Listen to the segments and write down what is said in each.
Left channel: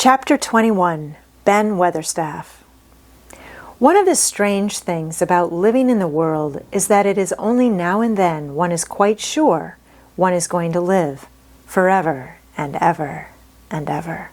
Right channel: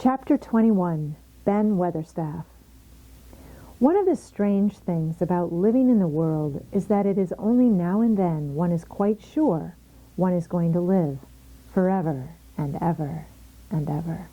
Chapter 21, Ben Weatherstaff. One of the strange things about living in the world is that it is only now and then one is quite sure one is going to live forever and ever and ever.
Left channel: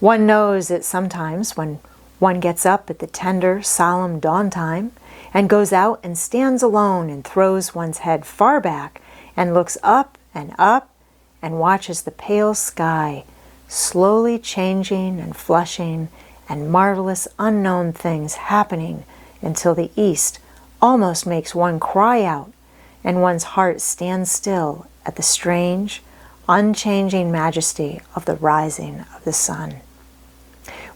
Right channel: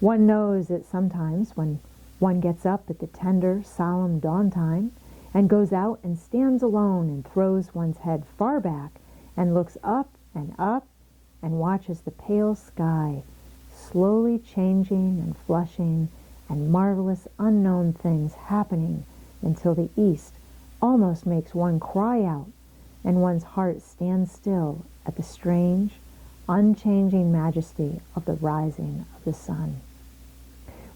One knows it sometimes when one gets up at the tender, solemn dawn time and goes out and stands alone and throws one's head far back and looks up and watches the pale sky slowly changing and flushing and marvelous unknown things happening until the east almost makes one cry out and one's heart stands still at the strange, unchanging majesty of the rising of the sun,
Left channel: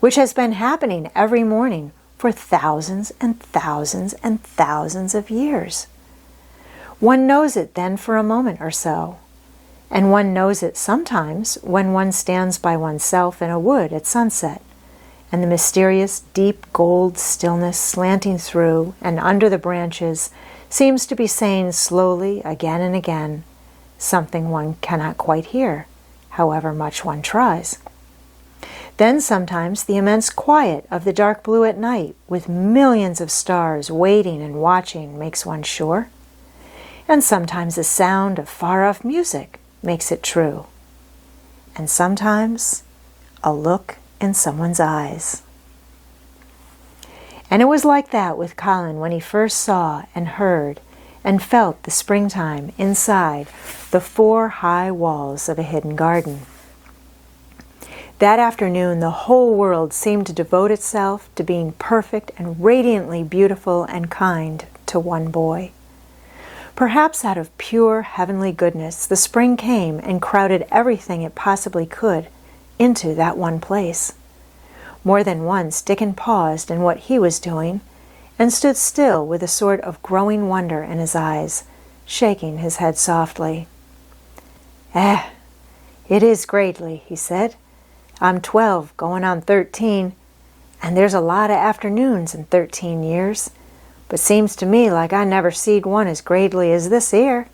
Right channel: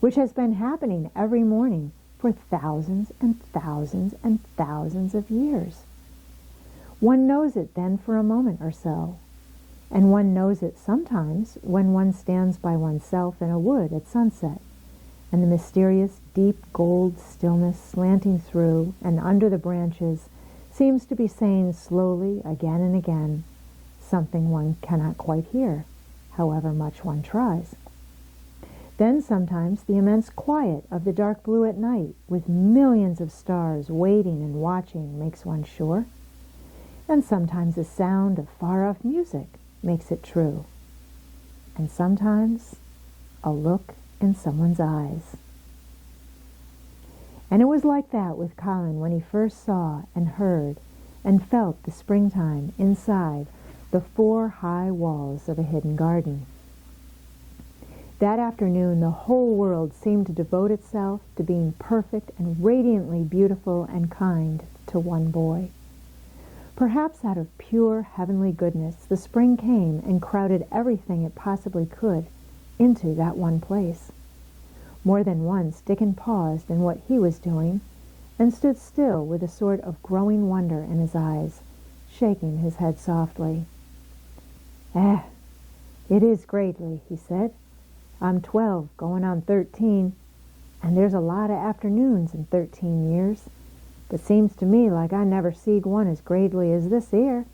which has been happening every morning for thousands and thousands and thousands of years. One knows it then for a moment or so, and one knows it sometimes when one stands by oneself in a wood at sunset, and the mysterious deep gold stillness slanting through and under the branches seems to be saying slowly again and again something one cannot quite hear, however much one tries. Then sometimes the immense quiet of the dark blue at night with millions of stars waiting and watching makes one sure, and sometimes the sound of far-off music makes it true, and sometimes a look in someone's eyes. And it was like that with Colin when he first saw and heard and felt the springtime inside the 4 high walls of a hidden garden. That afternoon the whole world seemed to devote itself to being perfect and radiantly beautiful and kind to one boy. Perhaps out of pure heavenly goodness, the spring came and crowded everything it possibly could into that one place. More than once Dickon paused in what he was doing and stood still with a sort of growing wonder in his eyes, shaking his head softly. It is greatly," he said. "I'm 12, going on 13, and there's a lot of afternoons in 13 years. But seems to me like I never seed one as greatly as this 'ere."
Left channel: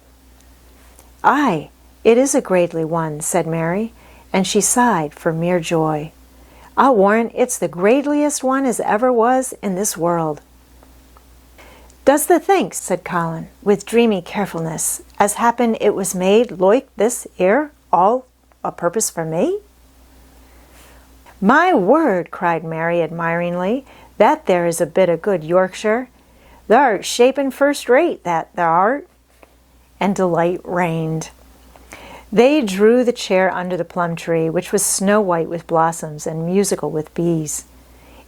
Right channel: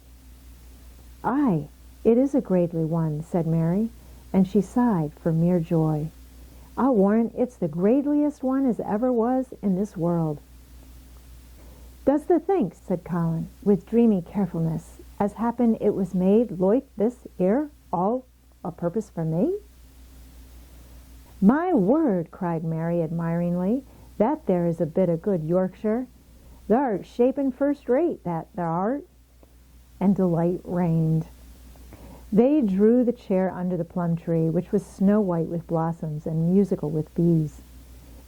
"Aye, it is a greatly one," said Mary, and she sighed for mere joy. "I'll warrant it's the greatliest one as ever was in this world." "Does thee think," said Colin, with dreamy carefulness, "as happen it was made loike this 'ere all a purpose for me?" "My word," cried Mary admiringly, "that there is a bit of good Yorkshire. Thou'rt shaping first rate, that thou art." And delight reigned. They drew the chair under the plum tree, which was snow white with blossoms and musical with bees.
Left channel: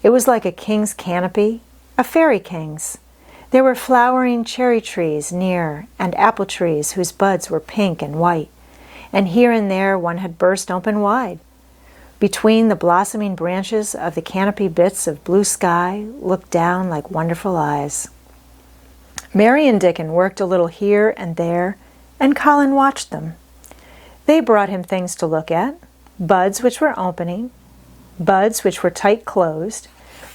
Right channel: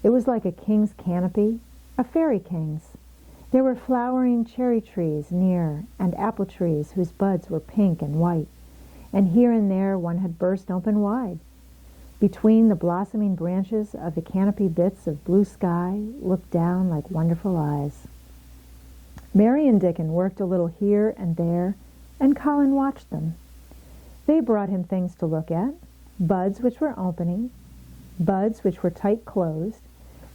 It was like a king's canopy, a fairy king's. There were flowering cherry trees near, and apple trees whose buds were pink and white, and here and there one had burst open wide. Between the blossoming branches of the canopy bits of blue sky looked down like wonderful eyes. Mary and Dickon worked a little here and there, and Colin watched them. They brought him things to look at, buds which were opening, buds which were tight closed,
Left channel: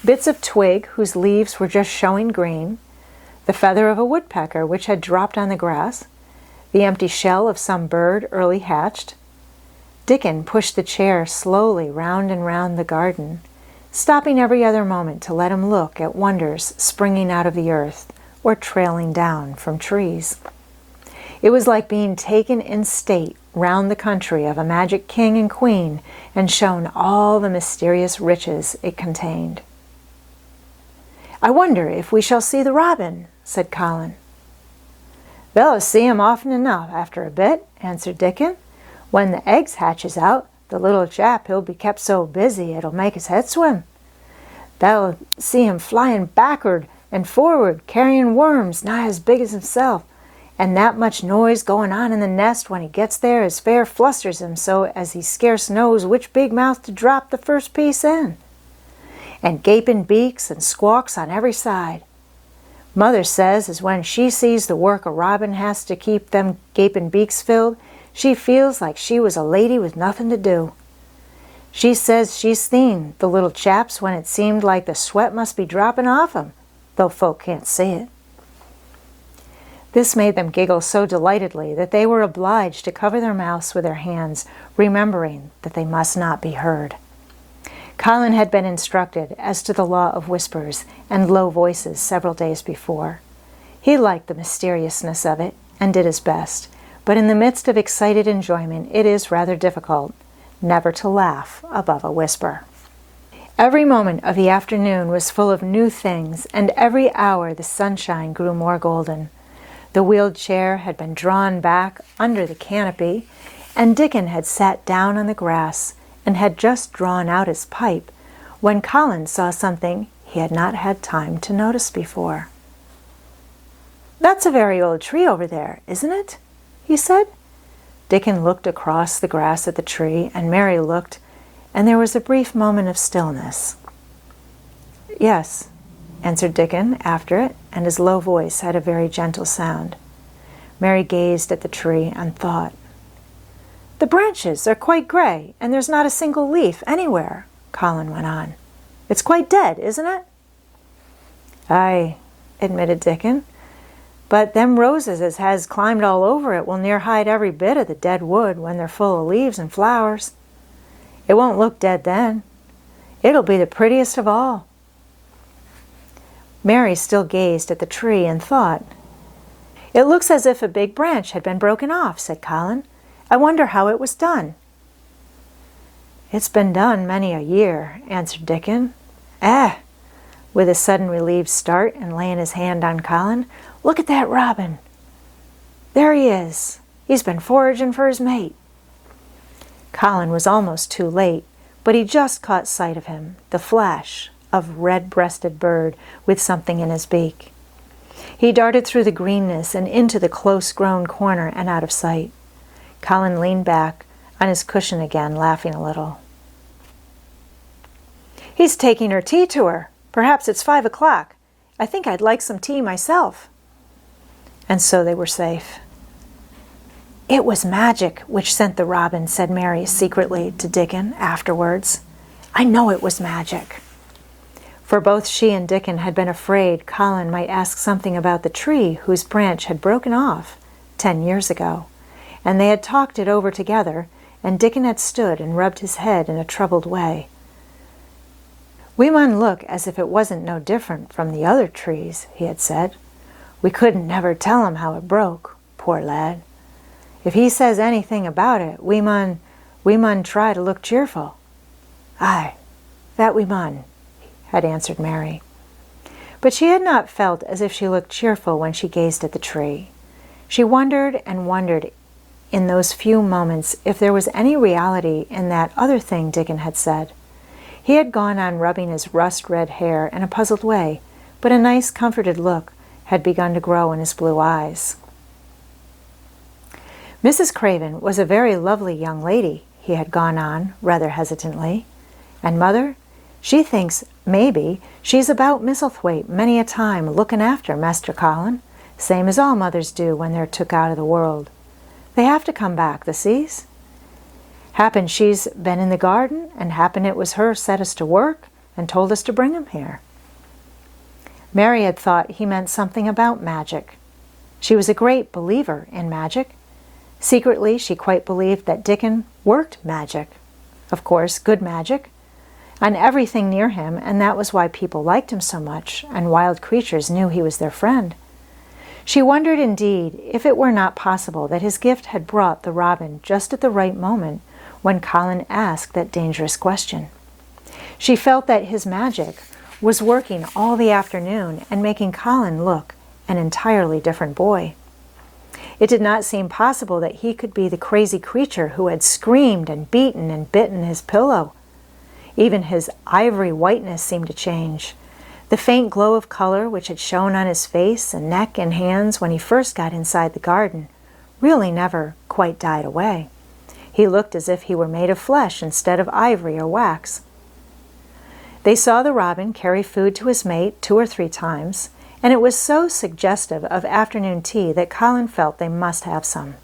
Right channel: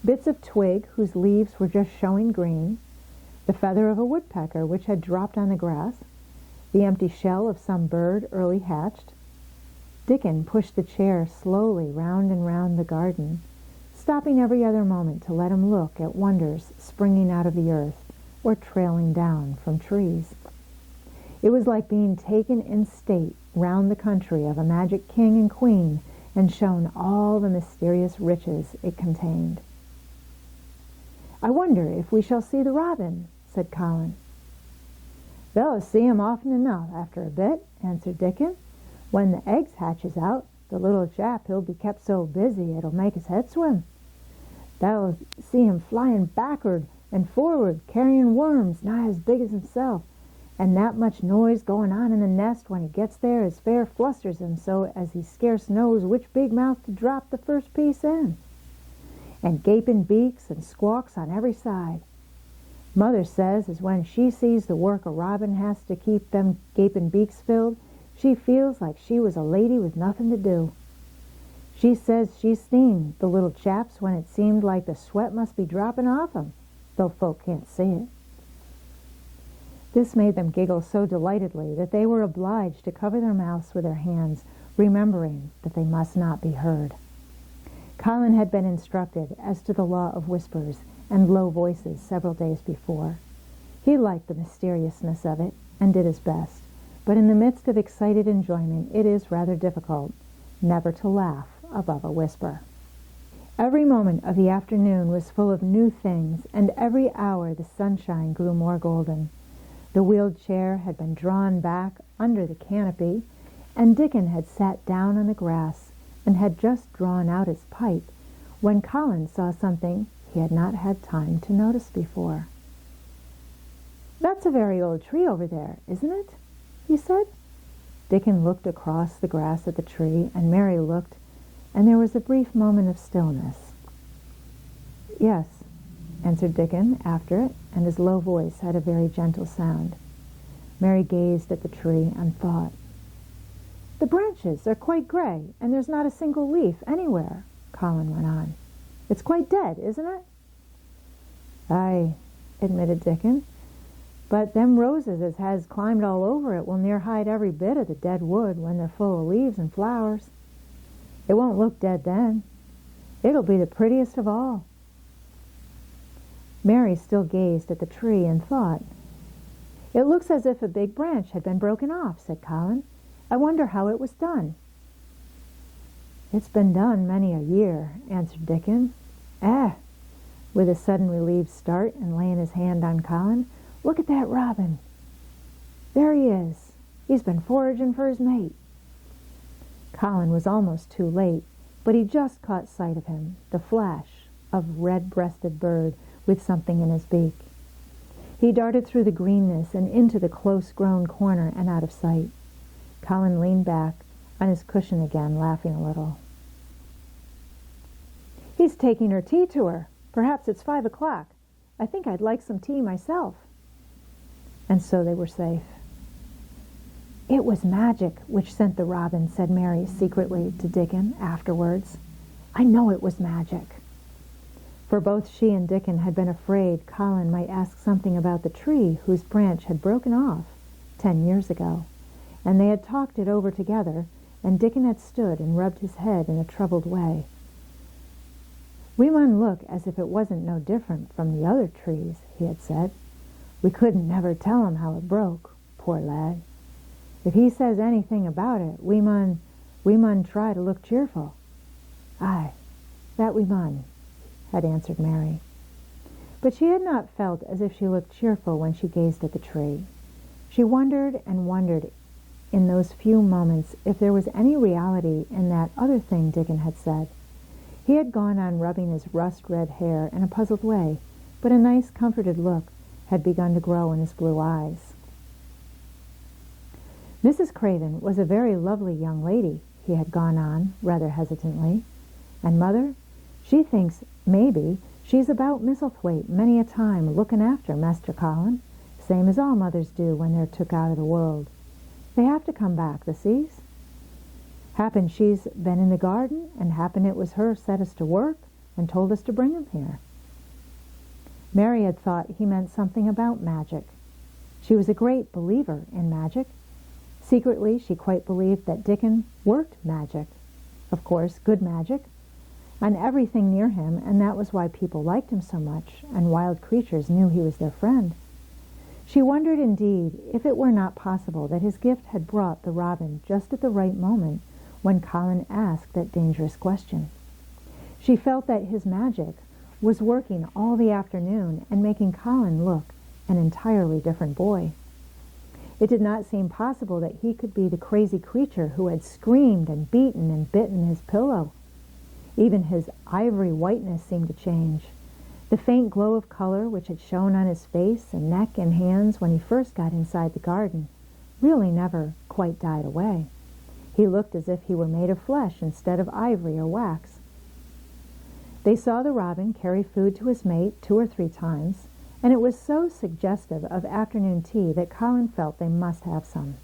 bits of twig whose leaves were just showing green, the feather of a woodpecker which had dropped on the grass, the empty shell of some bird early hatched. Dickon pushed the chair slowly round and round the garden, stopping every other moment to let him look at wonders springing out of the earth or trailing down from trees. It was like being taken in state round the country of a magic king and queen and shown all the mysterious riches it contained. "I wonder if we shall see the robin," said Colin. "They'll see him often enough after a bit," answered Dickon. "When the eggs hatches out, the little chap he'll be kept so busy it'll make his head swim. They'll see him flying backward and forward, carrying worms nigh as big as himself, and that much noise going on in the nest when he gets there as fair flusters him so as he scarce knows which big mouth to drop the first piece in. And gaping beaks and squawks on every side. Mother says as when she sees the work a robin has to keep them gaping beaks filled, she feels like she was a lady with nothing to do. She says she's seen the little chaps when it seemed like the sweat must be dropping off 'em, though folk can't see it." This made them giggle so delightedly that they were obliged to cover their mouths with their hands, remembering that they must not be heard. Colin had been instructed as to the law of whispers and low voices several days before. He liked the mysteriousness of it and did his best, but in the midst of excited enjoyment it is rather difficult never to laugh above a whisper. Every moment of the afternoon was full of new things, and every hour the sunshine grew more golden. The wheeled chair had been drawn back under the canopy, and Dickon had sat down on the grass and had just drawn out his pipe when Colin saw something he had not had time to notice before. "That's a very old tree over there, isn't it?" he said. Dickon looked across the grass at the tree, and Mary looked, and there was a brief moment of stillness. "Yes," answered Dickon after it, and his low voice had a very gentle sound. Mary gazed at the tree and thought. "The branches are quite gray, and there's not a single leaf anywhere," Colin went on. "It's quite dead, isn't it?" "Aye," admitted Dickon, "but them roses as has climbed all over it will near hide every bit of the dead wood when they're full of leaves and flowers. It won't look dead then. It'll be the prettiest of all." Mary still gazed at the tree and thought. "It looks as if a big branch had been broken off," said Colin. "I wonder how it was done." "It's been done many a year," answered Dickon. With a sudden relieved start and laying his hand on Colin, "look at that robin. There he is. He's been foraging for his mate." Colin was almost too late, but he just caught sight of him, the flash of red-breasted bird with something in his beak. He darted through the greenness and into the close-grown corner and out of sight. Colin leaned back on his cushion again, laughing a little. "He's taking her tea to her. Perhaps it's 5 o'clock. I think I'd like some tea myself." And so they were safe. "It was magic which sent the robin," said Mary secretly to Dickon afterwards. "I know it was magic." For both she and Dickon had been afraid Colin might ask something about the tree whose branch had broken off 10 years ago, and they had talked it over together, and Dickon had stood and rubbed his head in a troubled way. "We mun look as if it wasn't no different from the other trees," he had said. "We couldn't never tell him how it broke, poor lad. If he says anything about it, we mun try to look cheerful." "Aye, that we mun," had answered Mary. But she had not felt as if she looked cheerful when she gazed at the tree. She wondered and wondered in those few moments if there was any reality in that other thing Dickon had said. He had gone on rubbing his rust-red hair in a puzzled way, but a nice, comforted look had begun to grow in his blue eyes. "Mrs. Craven was a very lovely young lady," he had gone on, rather hesitantly. "And Mother, she thinks maybe she's about Misselthwaite many a time looking after Master Colin, same as all mothers do when they're took out of the world. They have to come back, thee sees. Happen she's been in the garden, and happen it was her set us to work and told us to bring him here." Mary had thought he meant something about magic. She was a great believer in magic. Secretly, she quite believed that Dickon worked magic. Of course, good magic, on everything near him, and that was why people liked him so much, and wild creatures knew he was their friend. She wondered indeed if it were not possible that his gift had brought the robin just at the right moment when Colin asked that dangerous question. She felt that his magic was working all the afternoon and making Colin look an entirely different boy. It did not seem possible that he could be the crazy creature who had screamed and beaten and bitten his pillow. Even his ivory whiteness seemed to change. The faint glow of color which had shone on his face and neck and hands when he first got inside the garden really never quite died away. He looked as if he were made of flesh instead of ivory or wax. They saw the robin carry food to his mate 2 or 3 times, and it was so suggestive of afternoon tea that Colin felt they must have some.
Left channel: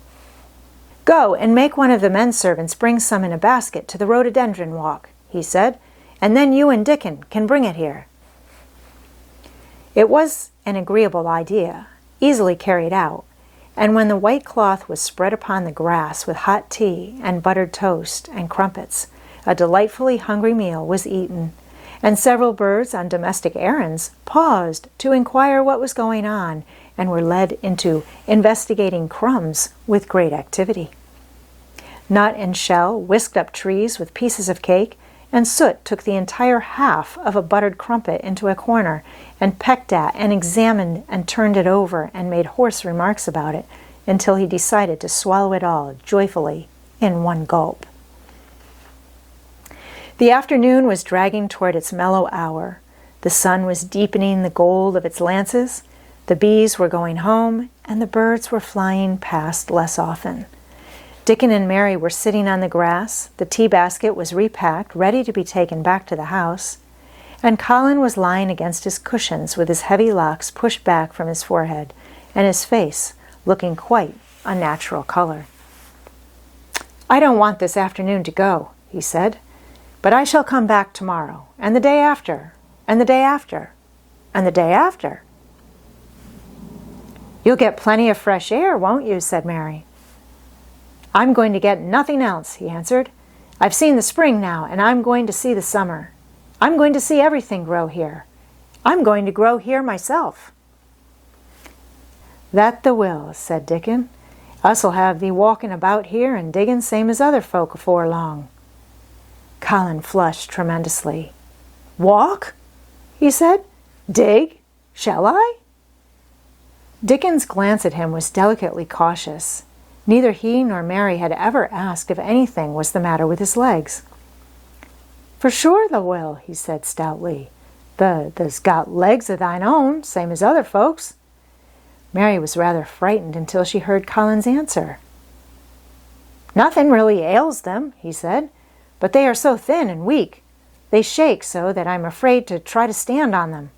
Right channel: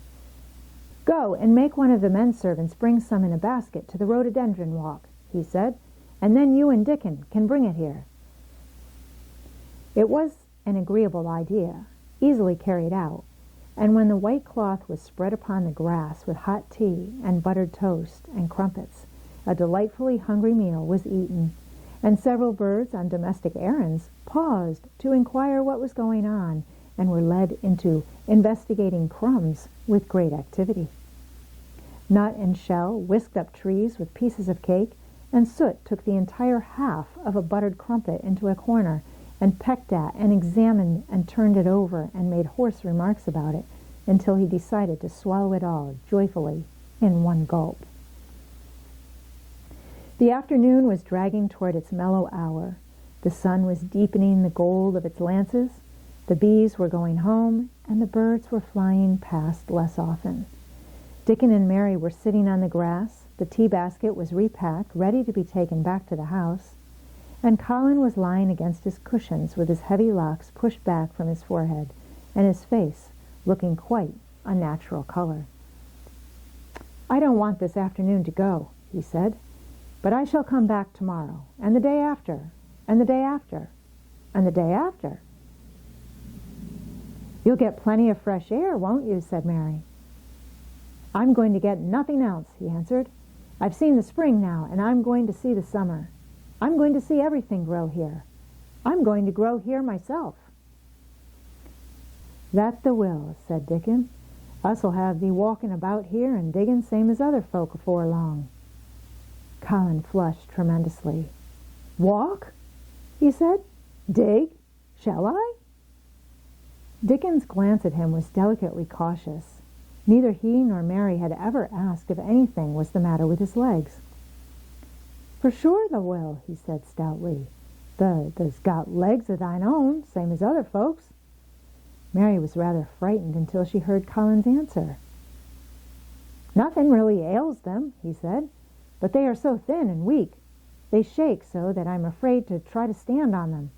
"Go and make one of the men servants bring some in a basket to the rhododendron walk," he said, "and then you and Dickon can bring it here." It was an agreeable idea, easily carried out, and when the white cloth was spread upon the grass with hot tea and buttered toast and crumpets, A delightfully hungry meal was eaten, and several birds on domestic errands paused to inquire what was going on and were led into investigating crumbs with great activity. Nut and Shell whisked up trees with pieces of cake, and Soot took the entire half of a buttered crumpet into a corner and pecked at and examined and turned it over and made hoarse remarks about it until he decided to swallow it all joyfully in one gulp. The afternoon was dragging toward its mellow hour. The sun was deepening the gold of its lances, the bees were going home, and the birds were flying past less often. Dickon and Mary were sitting on the grass, the tea basket was repacked, ready to be taken back to the house, and Colin was lying against his cushions with his heavy locks pushed back from his forehead and his face looking quite a natural color. "I don't want this afternoon to go," he said, "but I shall come back tomorrow, and the day after, and the day after, and the day after." "You'll get plenty of fresh air, won't you?" said Mary. "I'm going to get nothing else," he answered. "I've seen the spring now, and I'm going to see the summer. I'm going to see everything grow here. I'm going to grow here myself." "That the will," said Dickon. "Us'll have thee walking about here and digging same as other folk afore long." Colin flushed tremendously. "Walk?" he said. "Dig? Shall I?" Dickon's glance at him was delicately cautious. Neither he nor Mary had ever asked if anything was the matter with his legs. "For sure thou will," he said stoutly. "Thou's got legs of thine own, same as other folks." Mary was rather frightened until she heard Colin's answer. "Nothing really ails them," he said, "but they are so thin and weak. They shake so that I'm afraid to try to stand on them."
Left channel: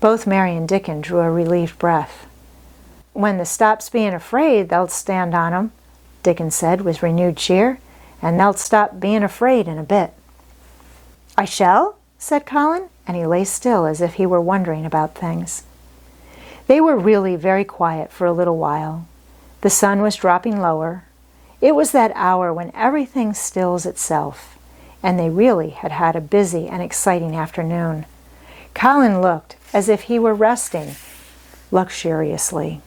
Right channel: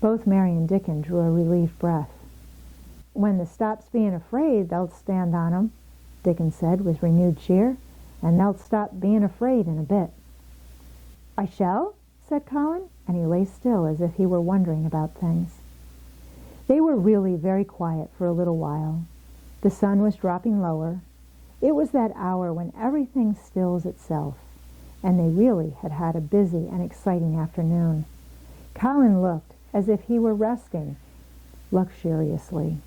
Both Mary and Dickon drew a relieved breath. "When they stops being afraid, they'll stand on 'em," Dickon said with renewed cheer, "and they'll stop being afraid in a bit." "I shall?" said Colin, and he lay still as if he were wondering about things. They were really very quiet for a little while. The sun was dropping lower. It was that hour when everything stills itself, and they really had had a busy and exciting afternoon. Colin looked as if he were resting luxuriously.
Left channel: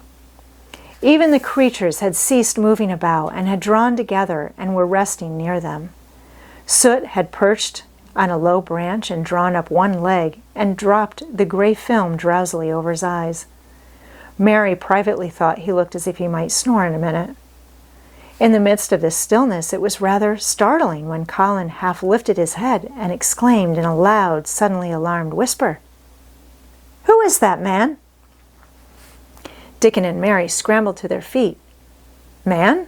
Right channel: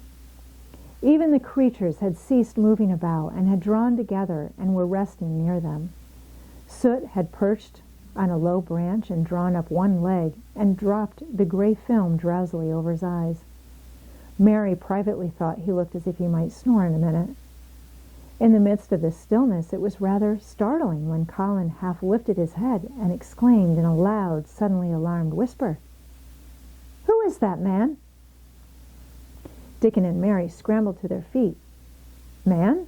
Even the creatures had ceased moving about and had drawn together and were resting near them. Soot had perched on a low branch and drawn up one leg and dropped the gray film drowsily over his eyes. Mary privately thought he looked as if he might snore in a minute. In the midst of this stillness, it was rather startling when Colin half lifted his head and exclaimed in a loud, suddenly alarmed whisper, "Who is that man?" Dickon and Mary scrambled to their feet. "Man?"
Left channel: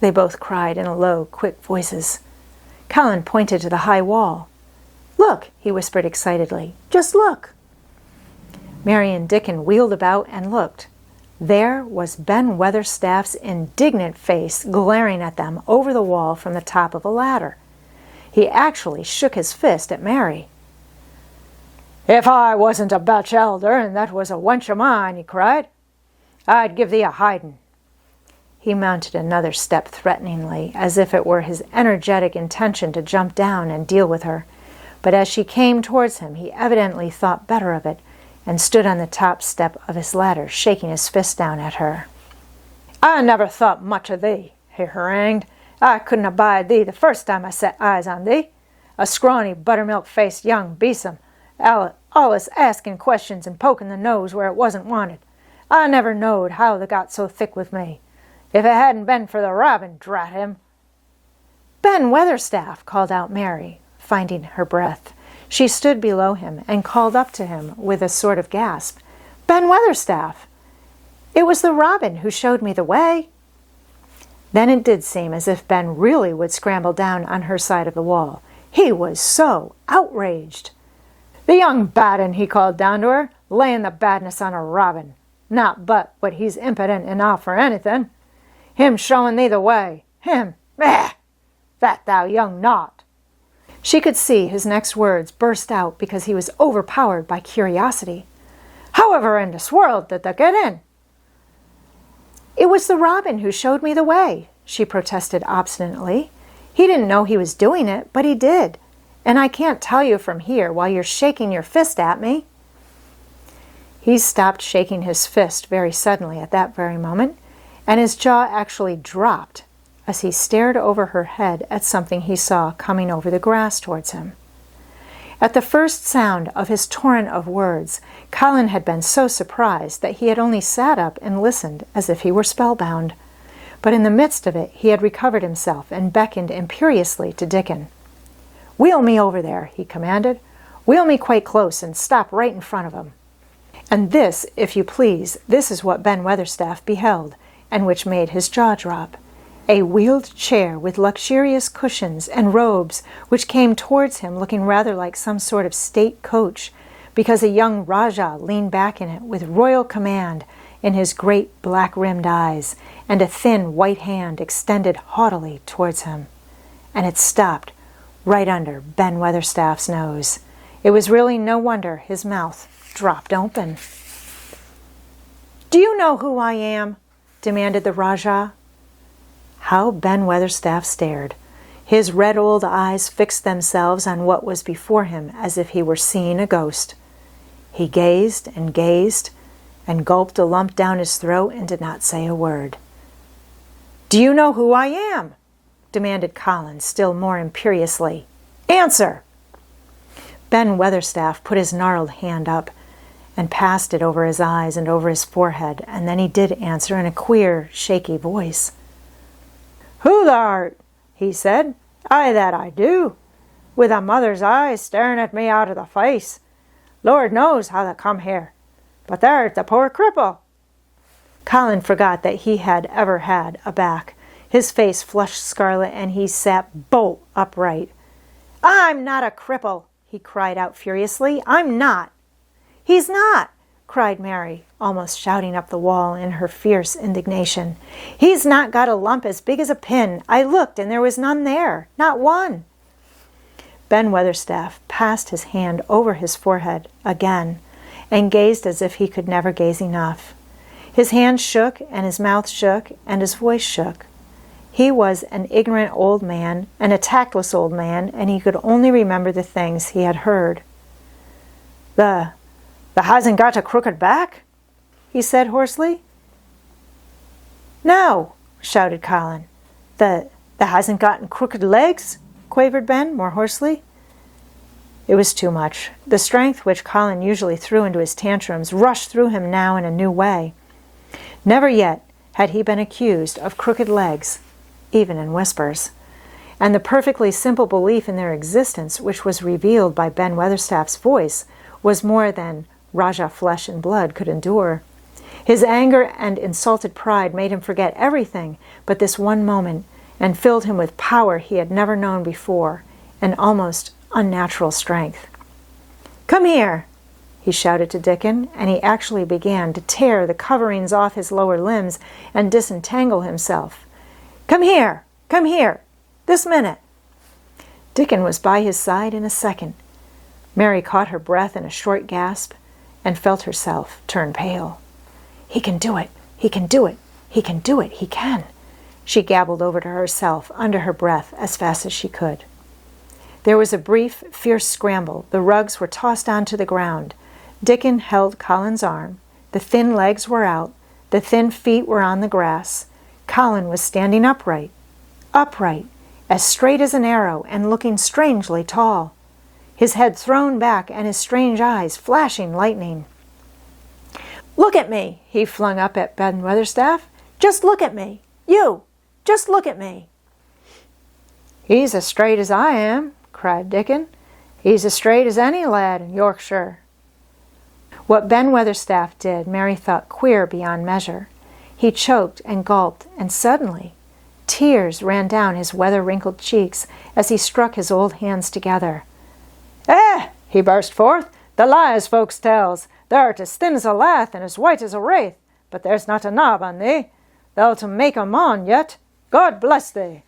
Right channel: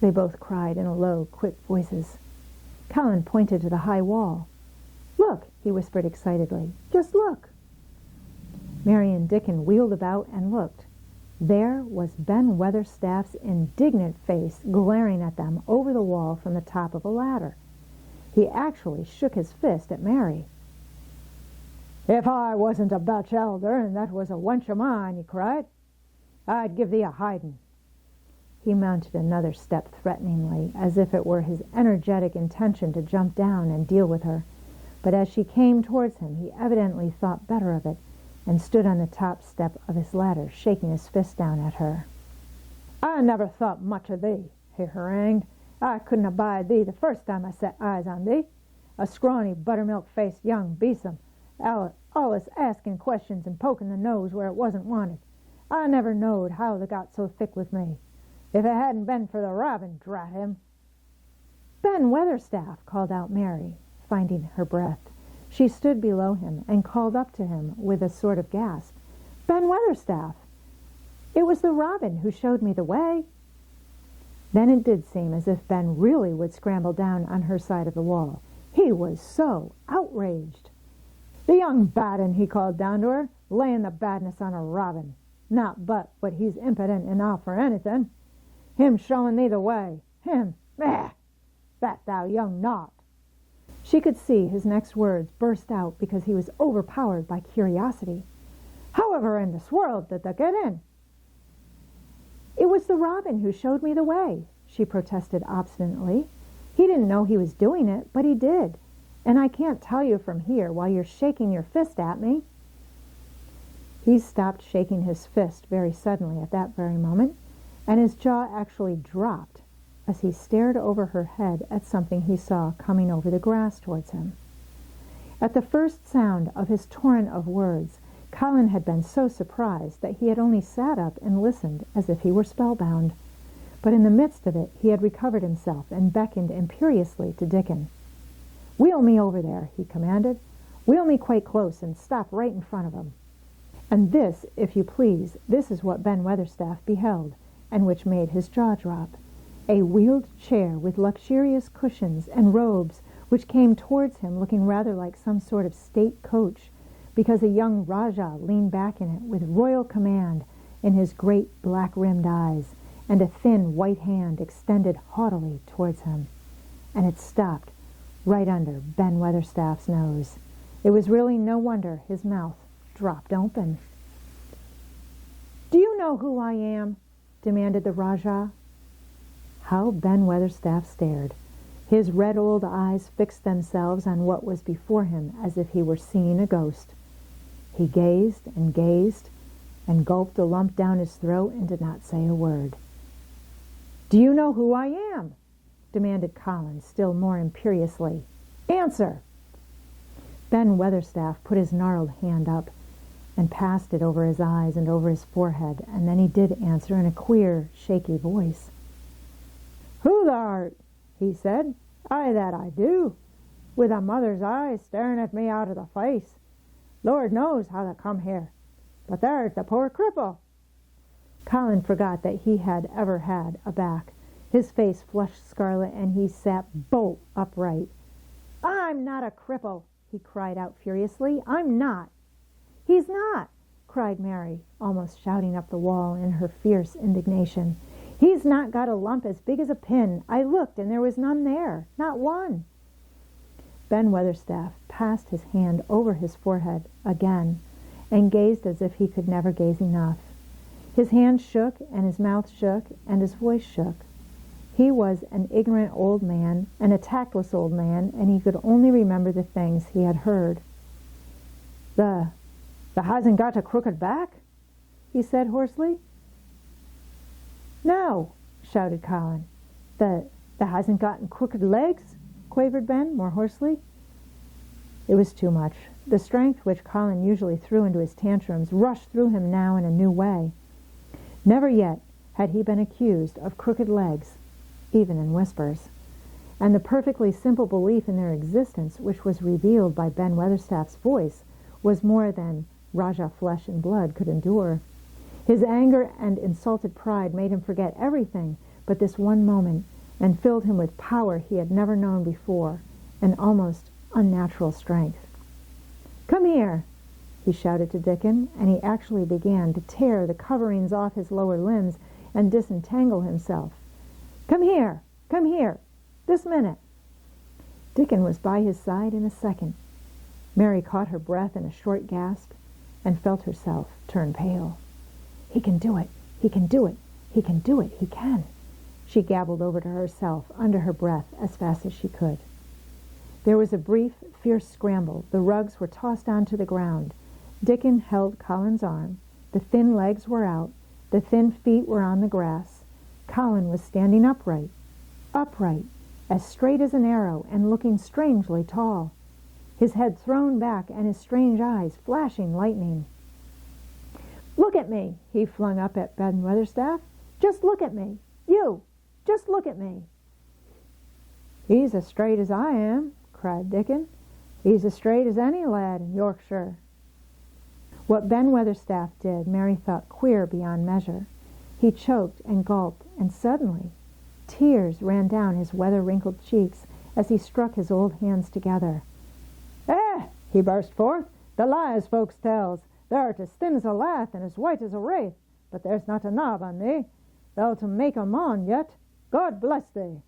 they both cried in low, quick voices. Colin pointed to the high wall. "Look," he whispered excitedly. "Just look." Mary and Dickon wheeled about and looked. There was Ben Weatherstaff's indignant face glaring at them over the wall from the top of a ladder. He actually shook his fist at Mary. "If I wasn't a Dutch elder and that was a wench of mine," he cried, "I'd give thee a hiding." He mounted another step threateningly, as if it were his energetic intention to jump down and deal with her. But as she came towards him, he evidently thought better of it, and stood on the top step of his ladder, shaking his fist down at her. "I never thought much of thee," he harangued. "I couldn't abide thee the first time I set eyes on thee. A scrawny, buttermilk-faced young besom, allus asking questions and poking the nose where it wasn't wanted. I never knowed how they got so thick with me. If it hadn't been for the robin, drat him." "Ben Weatherstaff," called out Mary, finding her breath. She stood below him and called up to him with a sort of gasp. "Ben Weatherstaff! It was the robin who showed me the way." Then it did seem as if Ben really would scramble down on her side of the wall. He was so outraged. "The young bad 'un," he called down to her, "laying the badness on a robin. Not but what he's impudent enough for anything. Him showing thee the way. Him! Eh! That thou young knot." She could see his next words burst out because he was overpowered by curiosity. "However in this world did thou get in?" "It was the robin who showed me the way," she protested obstinately. He didn't know he was doing it, but he did. And I can't tell you from here while you're shaking your fist at me." He stopped shaking his fist very suddenly at that very moment, and his jaw actually dropped as he stared over her head at something he saw coming over the grass towards him. At the first sound of his torrent of words, Colin had been so surprised that he had only sat up and listened as if he were spellbound. But in the midst of it, he had recovered himself and beckoned imperiously to Dickon. "Wheel me over there," he commanded. "Wheel me quite close and stop right in front of him." And this, if you please, this is what Ben Weatherstaff beheld, and which made his jaw drop. A wheeled chair with luxurious cushions and robes, which came towards him looking rather like some sort of state coach, because a young Rajah leaned back in it with royal command in his great black-rimmed eyes, and a thin white hand extended haughtily towards him. And it stopped right under Ben Weatherstaff's nose. It was really no wonder his mouth dropped open. "Do you know who I am?" demanded the Rajah. How Ben Weatherstaff stared. His red old eyes fixed themselves on what was before him as if he were seeing a ghost. He gazed and gulped a lump down his throat and did not say a word. "Do you know who I am?" demanded Colin still more imperiously. "Answer!" Ben Weatherstaff put his gnarled hand up and passed it over his eyes and over his forehead, and then he did answer in a queer, shaky voice. "Who thou art?" he said. "Aye, that I do, with a mother's eyes staring at me out of the face. Lord knows how thou come here, but there's the poor cripple." Colin forgot that he had ever had a back. His face flushed scarlet, and he sat bolt upright. "I'm not a cripple," he cried out furiously. "I'm not." "He's not," cried Mary, almost shouting up the wall in her fierce indignation. "He's not got a lump as big as a pin. I looked, and there was none there, not one." Ben Weatherstaff passed his hand over his forehead again and gazed as if he could never gaze enough. His hand shook, and his mouth shook, and his voice shook. He was an ignorant old man and a tactless old man, and he could only remember the things he had heard. The hasn't got a crooked back?" he said hoarsely. "No," shouted Colin. The hasn't gotten crooked legs?" quavered Ben more hoarsely. It was too much. The strength which Colin usually threw into his tantrums rushed through him now in a new way. Never yet had he been accused of crooked legs, even in whispers. And the perfectly simple belief in their existence, which was revealed by Ben Weatherstaff's voice, was more than Rajah flesh and blood could endure. His anger and insulted pride made him forget everything but this one moment, and filled him with power he had never known before, and almost unnatural strength. "Come here," he shouted to Dickon, and he actually began to tear the coverings off his lower limbs and disentangle himself. Come here, this minute." Dickon was by his side in a second. Mary caught her breath in a short gasp and felt herself turn pale. "He can do it, he can do it, he can do it, he can," she gabbled over to herself under her breath as fast as she could. There was a brief, fierce scramble. The rugs were tossed onto the ground. Dickon held Colin's arm. The thin legs were out. The thin feet were on the grass. Colin was standing upright, as straight as an arrow, and looking strangely tall. His head thrown back and his strange eyes flashing lightning. "Look at me," he flung up at Ben Weatherstaff. "Just look at me. You, just look at me." "He's as straight as I am," cried Dickon. "He's as straight as any lad in Yorkshire." What Ben Weatherstaff did, Mary thought queer beyond measure. He choked and gulped, and suddenly tears ran down his weather-wrinkled cheeks as he struck his old hands together. He burst forth, "the lies folks tells. Thou'rt as thin as a lath and as white as a wraith, but there's not a knob on thee. Thou'll to make 'em on yet. God bless thee."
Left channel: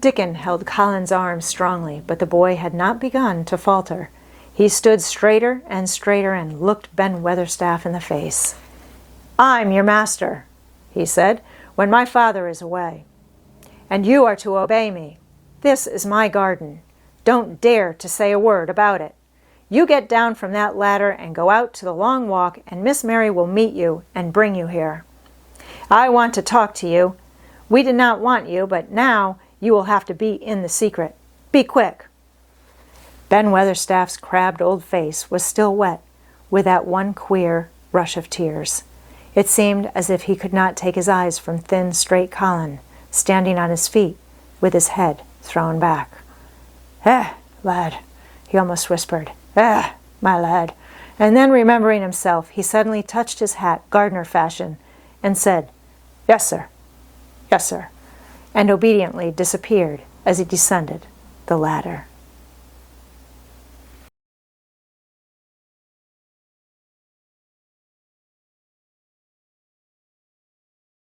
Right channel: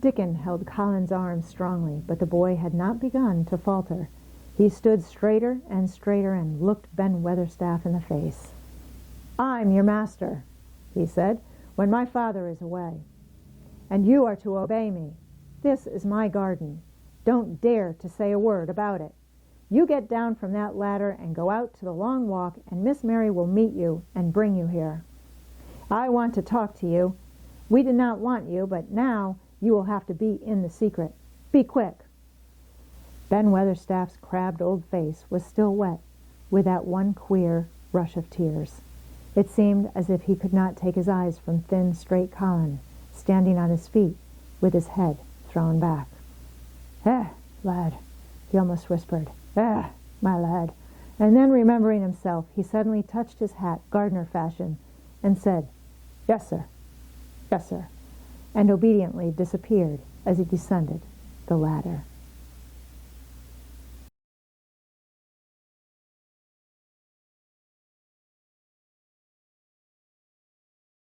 Dickon held Colin's arm strongly, but the boy had not begun to falter. He stood straighter and looked Ben Weatherstaff in the face. "I'm your master," he said, "when my father is away. and you are to obey me. This is my garden. Don't dare to say a word about it. You get down from that ladder and go out to the long walk, and Miss Mary will meet you and bring you here. I want to talk to you. We did not want you, but now you will have to be in the secret. Be quick." Ben Weatherstaff's crabbed old face was still wet with that one queer rush of tears. It seemed as if he could not take his eyes from thin, straight Colin, standing on his feet with his head thrown back. Lad," he almost whispered. My lad." And then, remembering himself, he suddenly touched his hat, gardener fashion, and said, "Yes, sir. Yes, sir," and obediently disappeared as he descended the ladder.